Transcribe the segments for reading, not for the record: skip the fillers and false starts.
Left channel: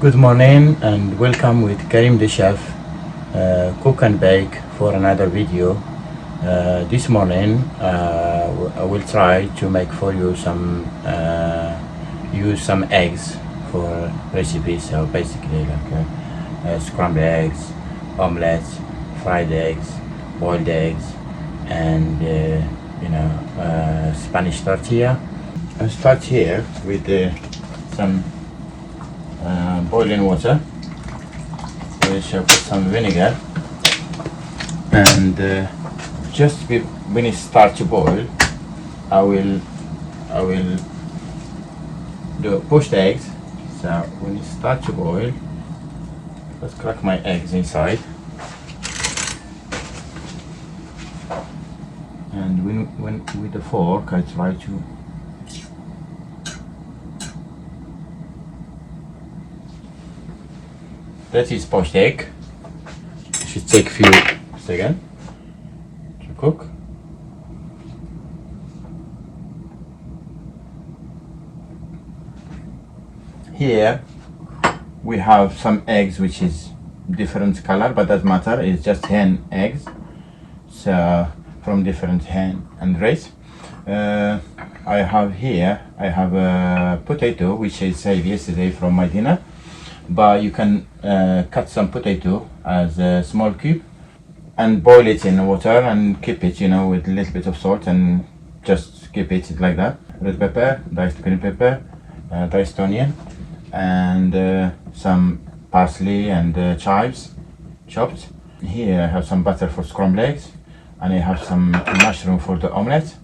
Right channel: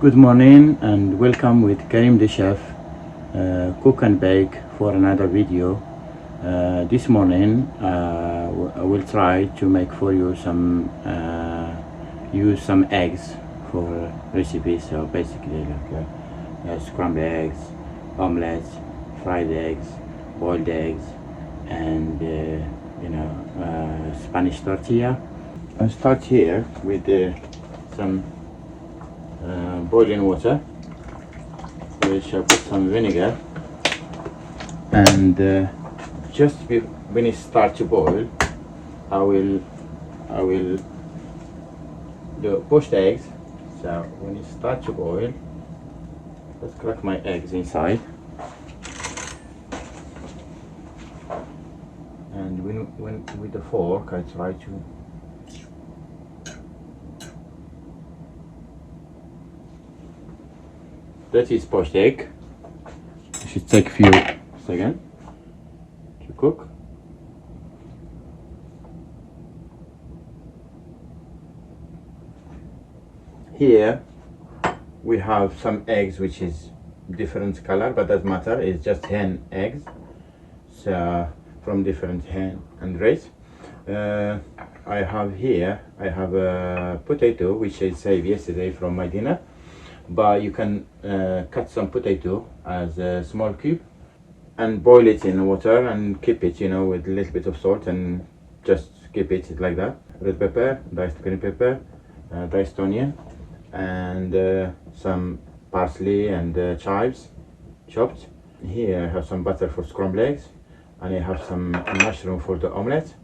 Good morning and welcome with Karim the chef, cook and bake for another video. This morning I will try to make for you use some eggs for recipe. So basically like scrambled eggs, omelets, fried eggs, boiled eggs, and Spanish tortilla. I'll start here with some boiling water, which I put some vinegar, and when it starts to boil, I will push the eggs. So when it starts to boil, let's crack my eggs inside, and when with the fork I try to that is poached egg. It should take a few seconds to cook. Here we have some eggs which is different color, but doesn't matter, it's just hen eggs, so from different hen and race. I have a potato which I saved yesterday from my dinner, but you can cut some potato as a small cube and boil it in water and keep it, with a little bit of salt, and just keep it like that. Red pepper, diced green pepper, diced onion, and some parsley and chives chopped. Here I have some butter for scrambled eggs, and I have some mushroom for the omelette,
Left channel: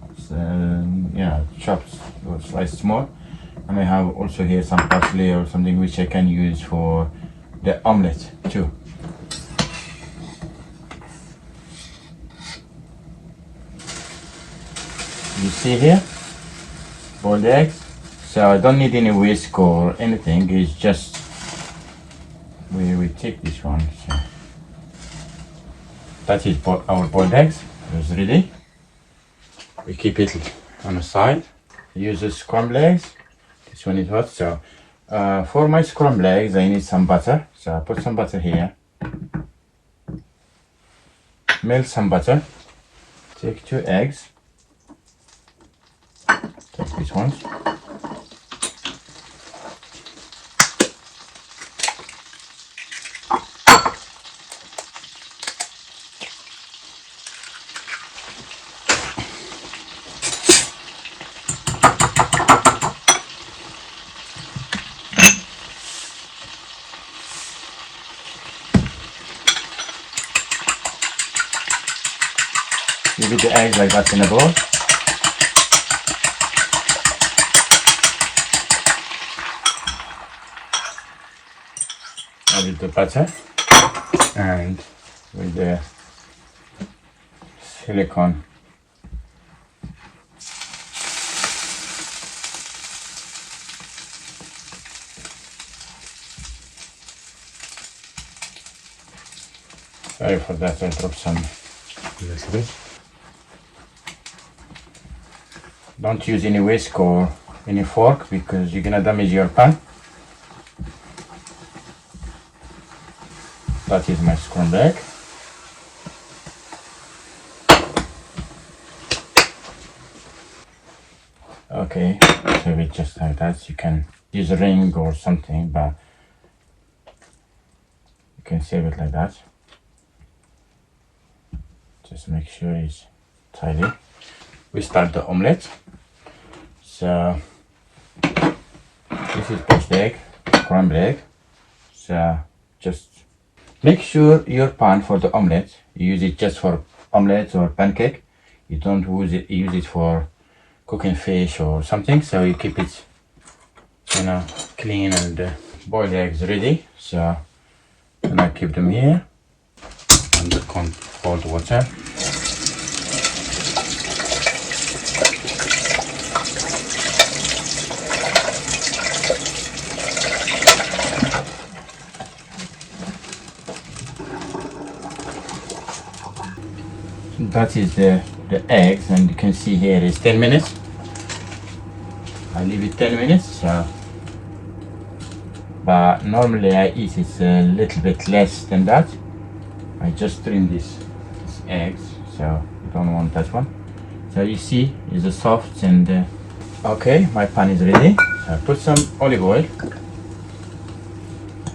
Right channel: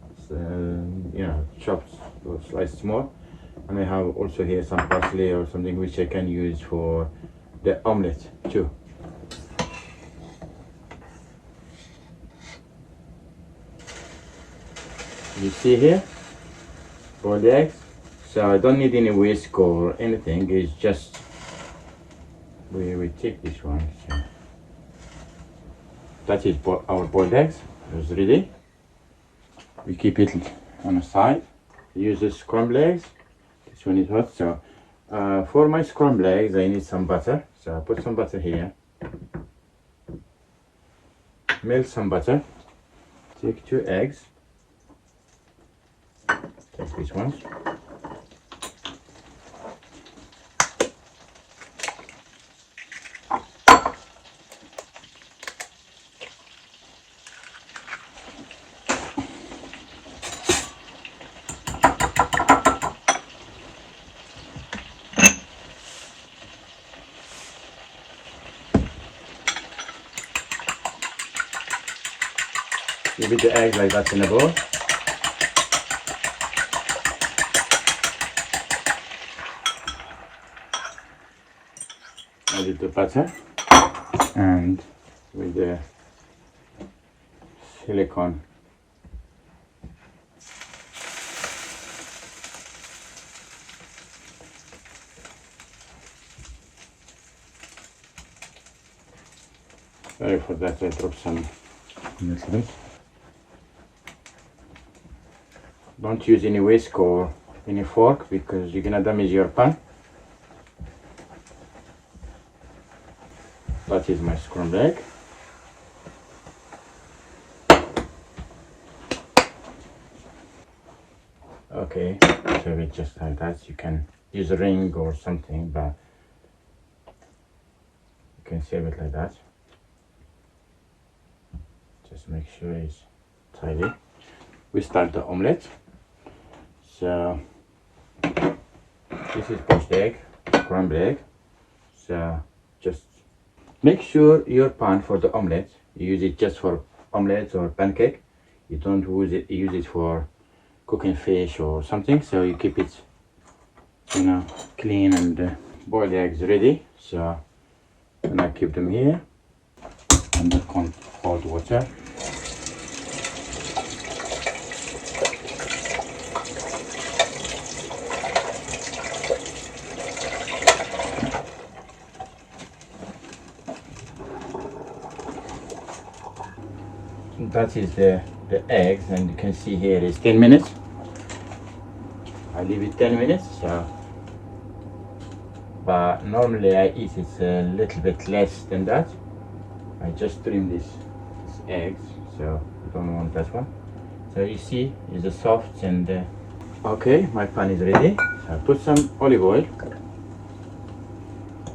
chopped or sliced small. And I have also here some parsley or something which I can use for the omelette too. You see here, boiled eggs. So I don't need any whisk or anything. It's just we take this one. So that is our boiled eggs. It's ready. We keep it on the side. Use the scrambled eggs. This one is hot, so for my scrambled eggs I need some butter, so I put some butter here, melt some butter, take 2 eggs, take these ones, leave the eggs like that in a bowl. Add the butter and with the silicone sorry for that, I dropped some a little bit. Don't use any whisk or any fork because you're gonna damage your pan. That is my scrambled egg. Okay, serve it just like that. You can use a ring or something, but you can serve it like that. Just make sure it's tidy. We start the omelette. So this is poached egg, scrambled egg. So just make sure your pan for the omelette, you use it just for omelette or pancake. You don't use it for cooking fish or something. So you keep it, clean, and boiled eggs ready. So and I keep them here under cold water. That is the eggs, and you can see here is 10 minutes. I leave it 10 minutes, so but normally I eat it a little bit less than that. I just trim this eggs, so I don't want that one. So you see, it's soft and okay, my pan is ready. So I put some olive oil.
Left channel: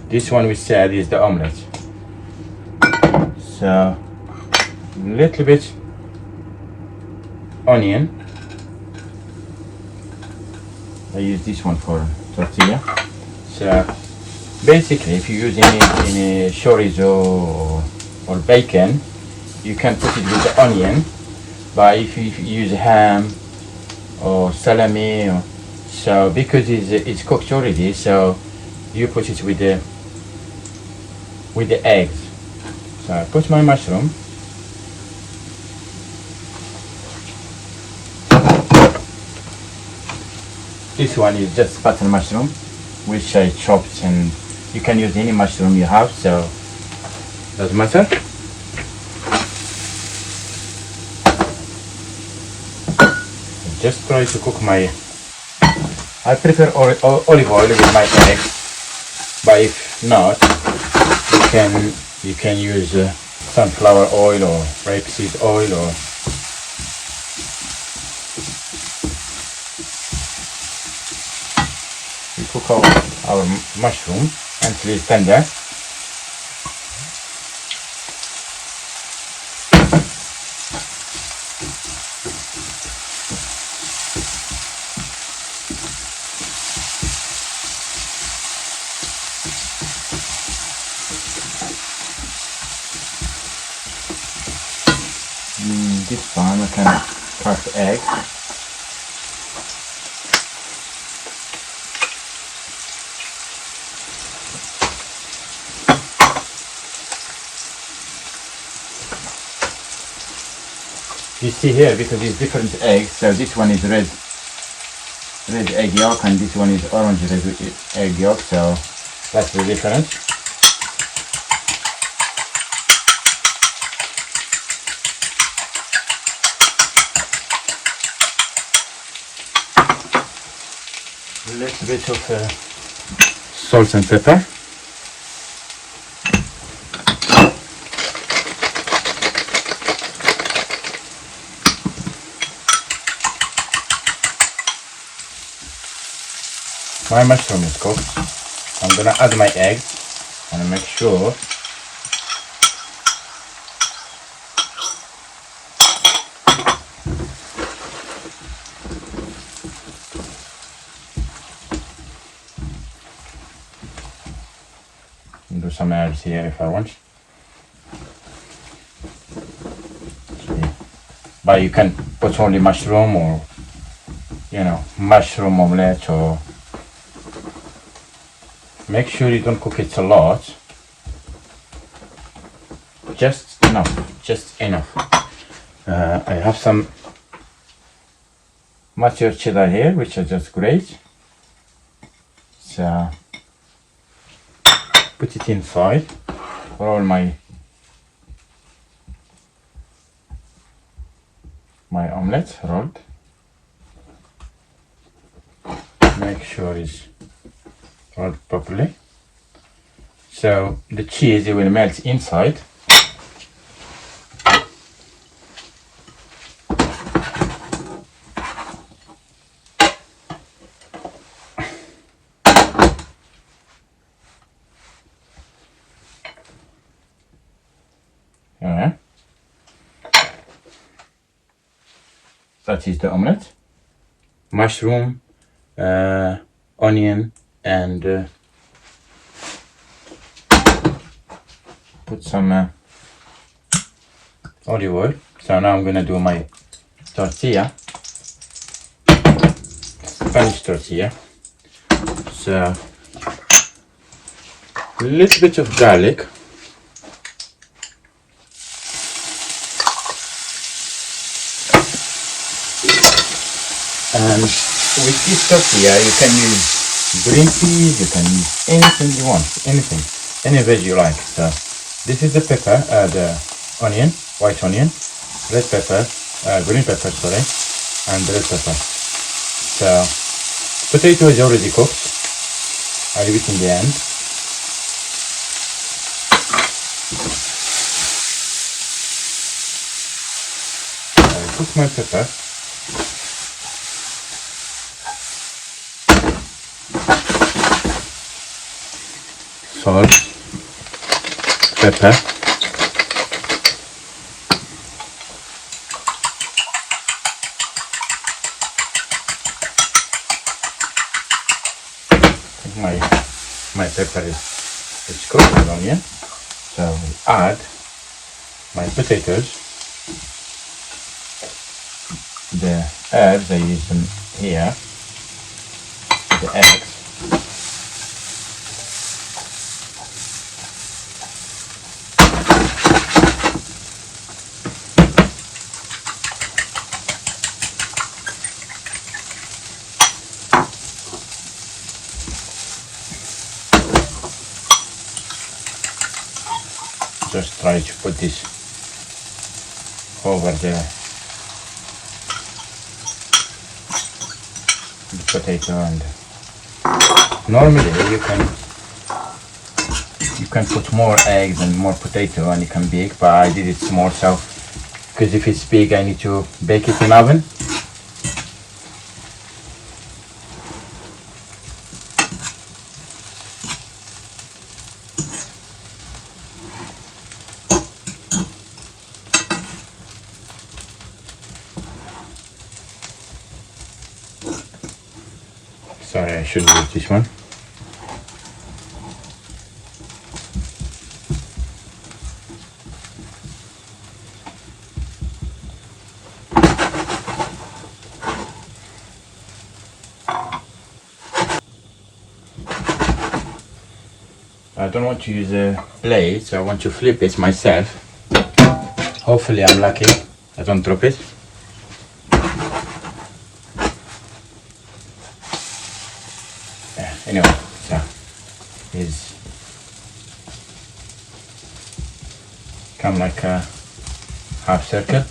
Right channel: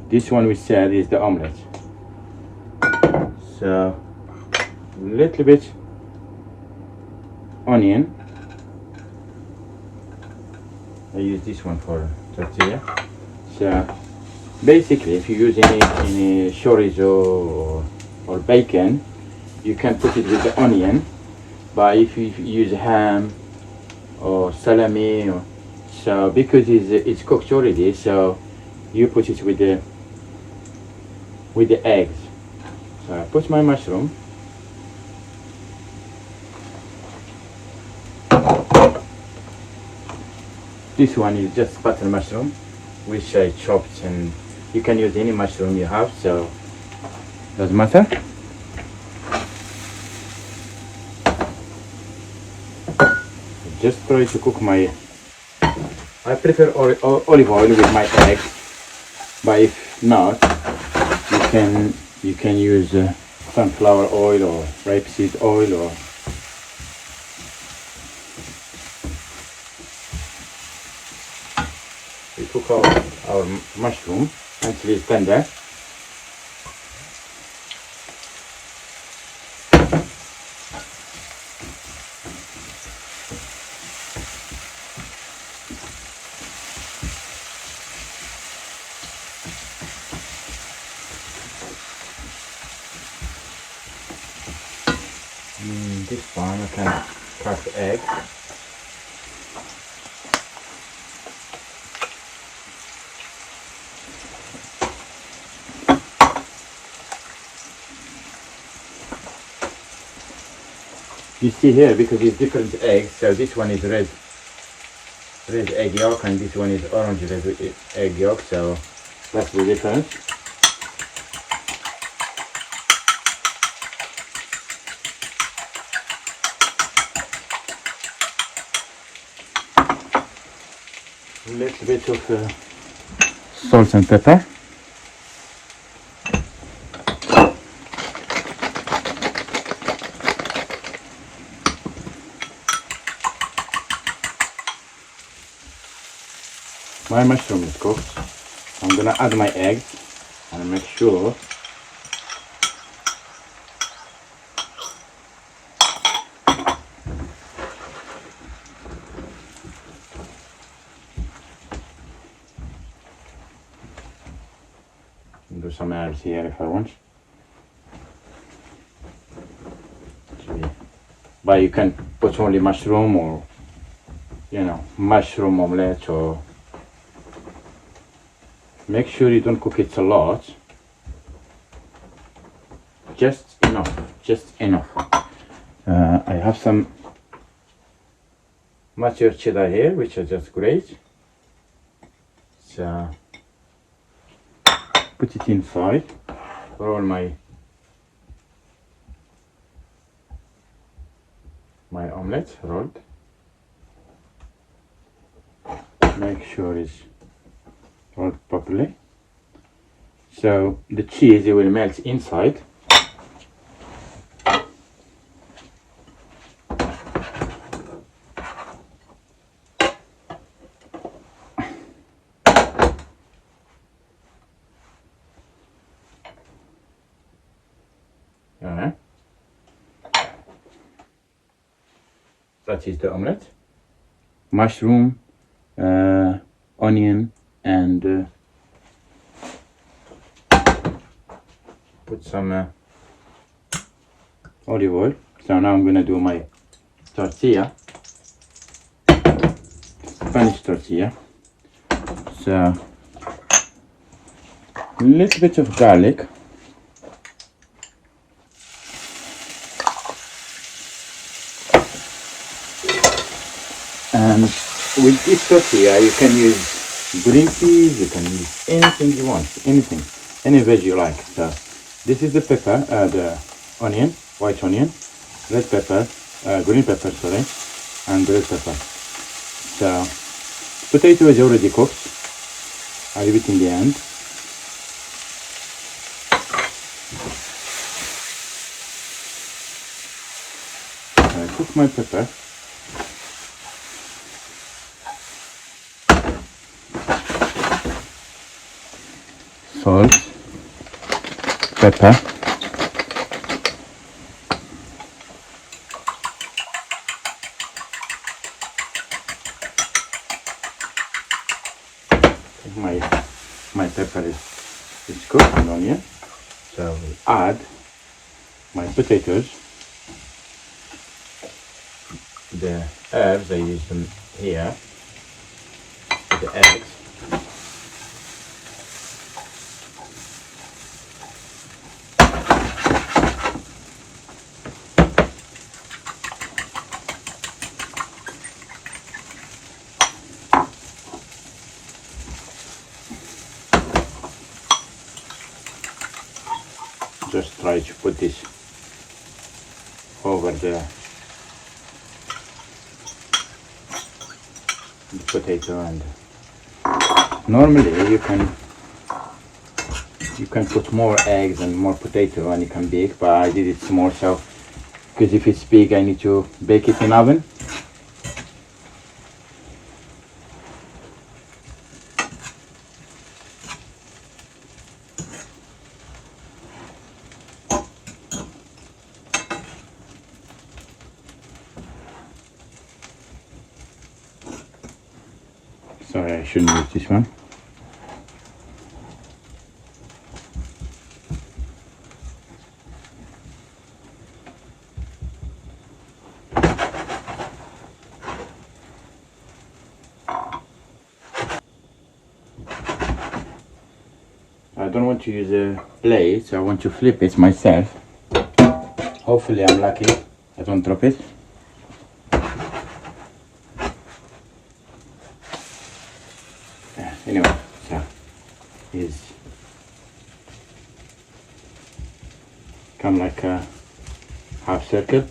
This one we said is the omelette. So a little bit onion. I use this one for tortilla. So basically, if you use any chorizo or bacon, you can put it with the onion. But if you use ham or salami, so because it's cooked already, so you put it with the eggs. So I put my mushroom. This one is just button mushroom, which I chopped, and you can use any mushroom you have, so doesn't matter. Just try to cook my. I prefer olive oil with my eggs, but if not, you can use sunflower oil or rapeseed oil or. We cook our mushroom until it's tender. This time I can crack the egg. You see here, because it's different eggs, so this one is red egg yolk and this one is orange egg yolk, so that's the difference. A little bit of salt and pepper. My mushroom is cooked. I'm gonna add my eggs and make sure do some herbs here if I want. But you can put only mushroom or mushroom omelette, or make sure you don't cook it a lot. Just enough. I have some matured cheddar here, which I just grate. So put it inside. Roll my omelette rolled. Make sure it's rolled properly. So the cheese will melt inside. That is the omelette. Mushroom, onion, and put some olive oil. So now I'm gonna do my tortilla, Spanish tortilla. So a little bit of garlic. And with this tortilla, you can use green peas, you can use anything you want, any veg you like. So this is the pepper, the onion, white onion, red pepper, green pepper, sorry, and red pepper. So potato is already cooked. I'll leave it in the end. I'll cook my pepper. Salt, pepper, my pepper is cooked with onion, so I'll add my potatoes, the herbs I use them here, the eggs. Just try to put this over the potato, and normally you can put more eggs and more potato and it can bake, but I did it small, so because if it's big I need to bake it in oven. Sorry, I shouldn't use this one. I don't want to use a blade, so I want to flip it myself. Hopefully I'm lucky, I don't drop it. Anyway, so it's come like a half circle.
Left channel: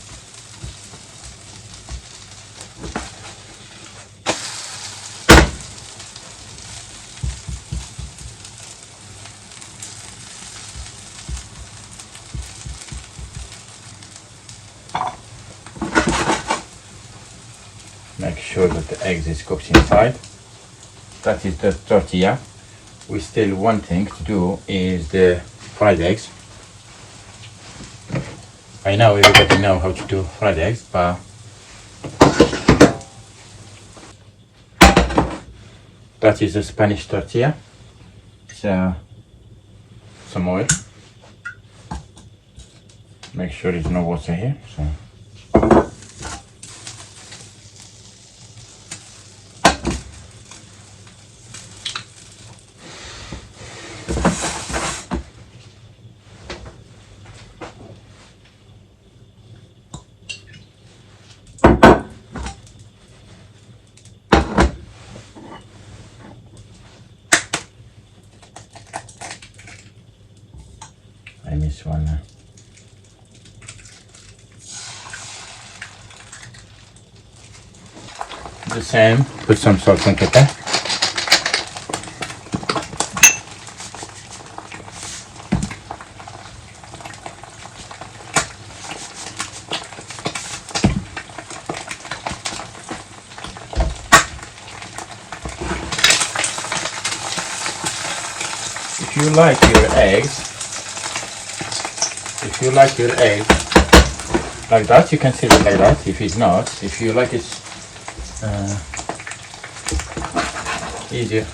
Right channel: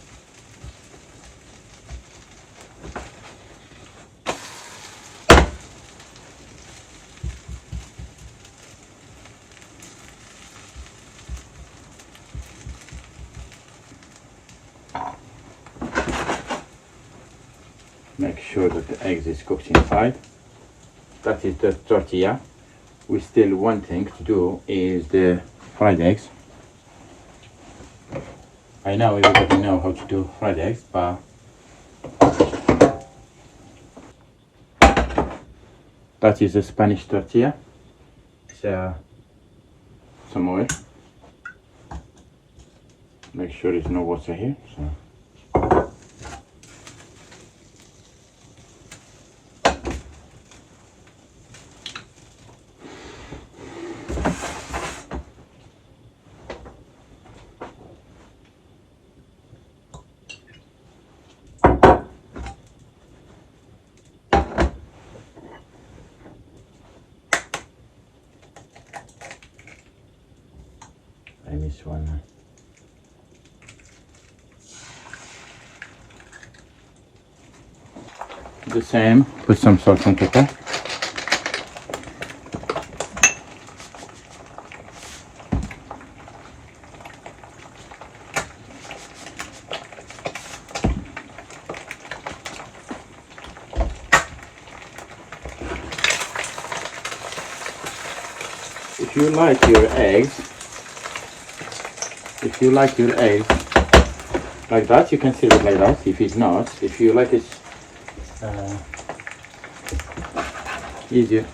Make sure that the eggs is cooked inside. That is the tortilla. We still one thing to do is the fried eggs. I know everybody know how to do fried eggs, but that is the Spanish tortilla. So some oil. Make sure there's no water here. So. I miss one. The same, put some salt and pepper. If you like your eggs like that, you can serve it like that. If it's not, if you like it easier,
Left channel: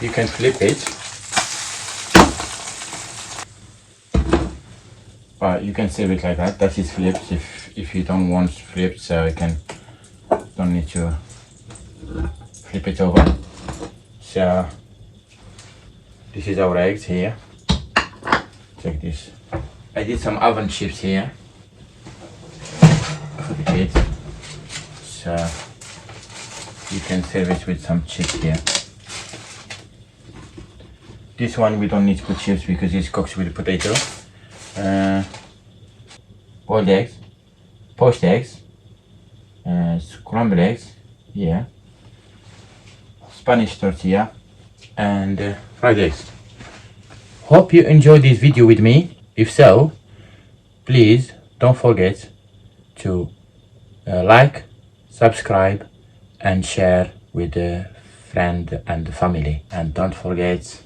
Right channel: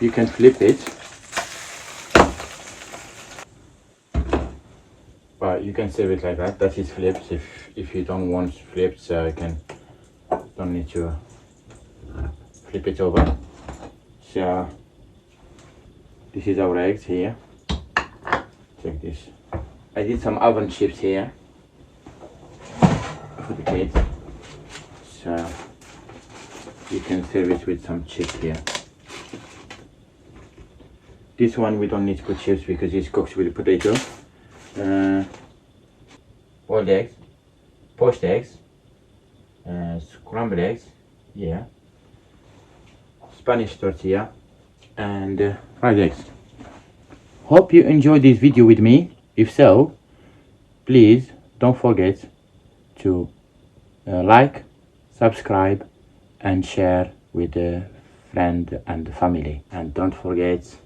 you can flip it. But you can serve it like that. That is flipped. If you don't want flipped, so you don't need to flip it over. So this is our eggs here. Check this. I did some oven chips here for the kids, so you can serve it with some chips here. This one we don't need to put chips because it's cooked with potato. Boiled eggs, poached eggs, scrambled eggs, yeah. Spanish tortilla, and fried eggs. Hope you enjoyed this video with me. If so, please don't forget to like, subscribe, and share with a friend and family. And don't forget